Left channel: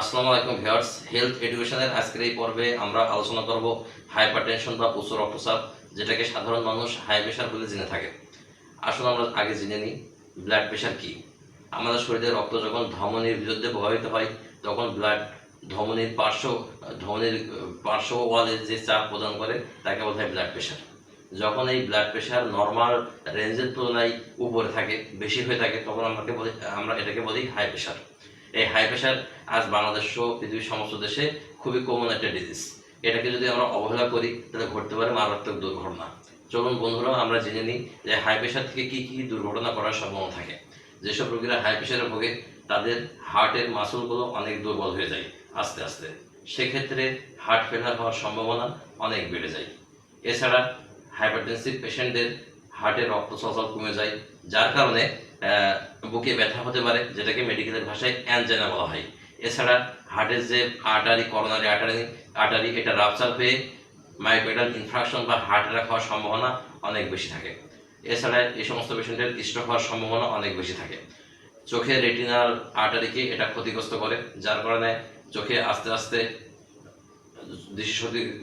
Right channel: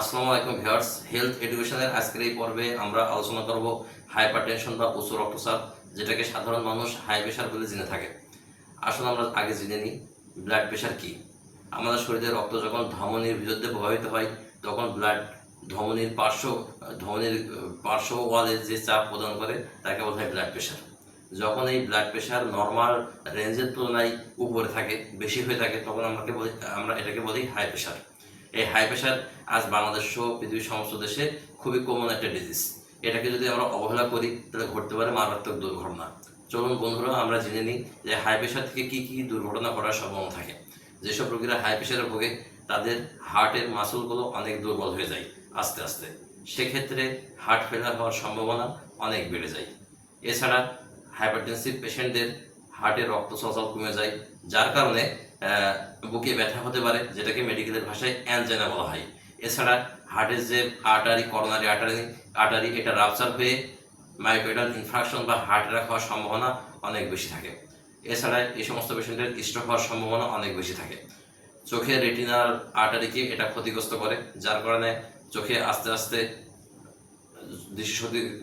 আসসালামু আলাইকুম viewers, health এডুকেশনের আজকের এই পর্বে আমরা আলোচনা করব হাইপারটেনশন বা উচ্চ রক্তচাপ, যেটাকে সাধারণ মানুষ হাই প্রেশার বলে জেনে থাকে। আসলে আমরা আগে জেনে নিই ব্লাড প্রেশার কি। আমাদের শরীরে রক্ত যখন ধমনির বিরুদ্ধে প্রভাবিত হয়, তখন ধমনির পার্শ্ব ওয়ালে যে চাপ প্রদান করে তাকে বলা হয় ব্লাড প্রেশার। যখন এই ব্লাড প্রেশার নর্মাল রেঞ্জের তুলনায় উপরে থাকে, বেশি হয়ে থাকে, তখন আমরা এটাকে বলি হাই প্রেশার। এই হাই প্রেশার আজ বাংলাদেশ সহ পৃথিবীর সমস্ত দেশে খুবই কমন একটা ডিজিজ। এটাকে যদি আমরা অবহেলা করি তাহলে ঘটতে পারে মারাত্মক দুর্ঘটনা। চলুন বন্ধুরা, আমরা জেনে নিই যে হাই প্রেশার থেকে কী কী দুর্ঘটনা করার সম্ভাবনা থাকে। যেসব রোগীরা হাই প্রেশারে ভোগে তাদের হার্টের মাসলগুলো অনেক দুর্বল হয়ে যায় আস্তে আস্তে, সেক্ষেত্রে হার্ট ফেলার হওয়ার সম্ভাবনা অনেক বেড়ে যায়। এছাড়া হাইপারটেনসিভ পেশেন্টদের হার্টের রক্ত চলাচল কমে যায়, যার কারণে বুকে ব্যথা হতে পারে, যেটাকে মেডিকেলের ভাষায় অ্যানজেনা বলা হয়। এছাড়া হার্টের যে করোনারি আর্টারি এটা রাপচার হয়ে মায়োকার্ডিয়াল ইনফ্রাকশন বা হার্ট অ্যাটাক হওয়ার সম্ভাবনা অনেক বেশি থাকে। এছাড়া এই সমস্ত পেশেন্টের স্ট্রোক হওয়ার সম্ভাবনা অনেক বেশি থাকে। চোখের রেটিনাল আর্টারিকে এটা ক্ষতিগ্রস্ত করে, যার কারণে চোখে আস্তে আস্তে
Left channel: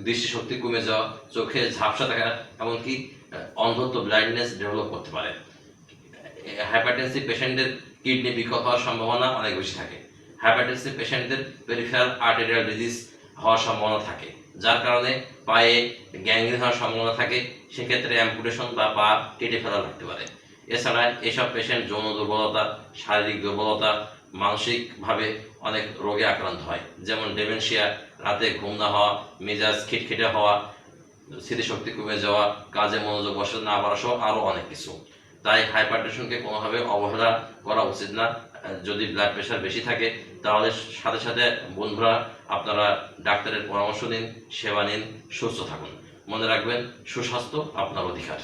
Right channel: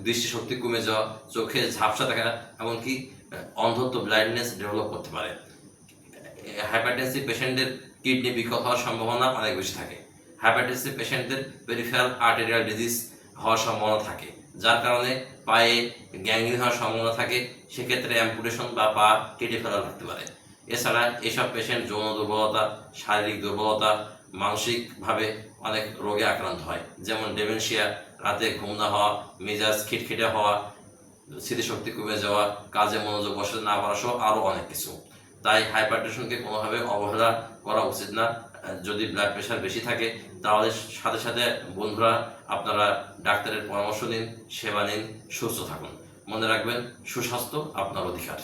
দৃষ্টিশক্তি কমে যাওয়া, চোখে ঝাপসা দেখা, এমনকি অন্ধত্ব ব্লাইন্ডনেস ডেভেলপ করতে পারে। হাইপারটেনসিভ পেশেন্টদের কিডনি বিকল হওয়ার সম্ভাবনা অনেক বেশি থাকে। হাইপারটেনসিভ পেশেন্টদের পেরিফেরাল আর্টেরিয়াল ডিজিজ হওয়ার সম্ভাবনা থাকে, যার কারণে পায়ে গ্যাংগ্রিন হওয়ার সম্ভাবনা থাকে। সেক্ষেত্রে অ্যাম্পুটেশন বা পা কেটে ফেলা থাকতে পারে। এছাড়া এসব পেশেন্ট যৌন দুর্বলতা, শারীরিক দুর্বলতা, মানসিকভাবে অনেক রোগে আক্রান্ত হয়, যেমন ডেমেনশিয়া, রাতে ঘুম না হওয়া, মেজাজ খিটখিটে হওয়া, স্মৃতিশক্তি কমে যাওয়া, কাজে মনোযোগ বসাতে না পারা সহ আরও অনেক কিছু। তাই হাইপারটেনশনকে কোনোভাবে অবহেলা করা উচিত না। যদি ব্লাড প্রেশার বেশি থাকে তাহলে সাথে সাথে বন্ধুরা আপনারা ডাক্তারের পরামর্শ নিন, সেবা নিন, সুস্থ থাকুন। মনে রাখবেন, সুস্বাস্থ্য আপনার অধিকার।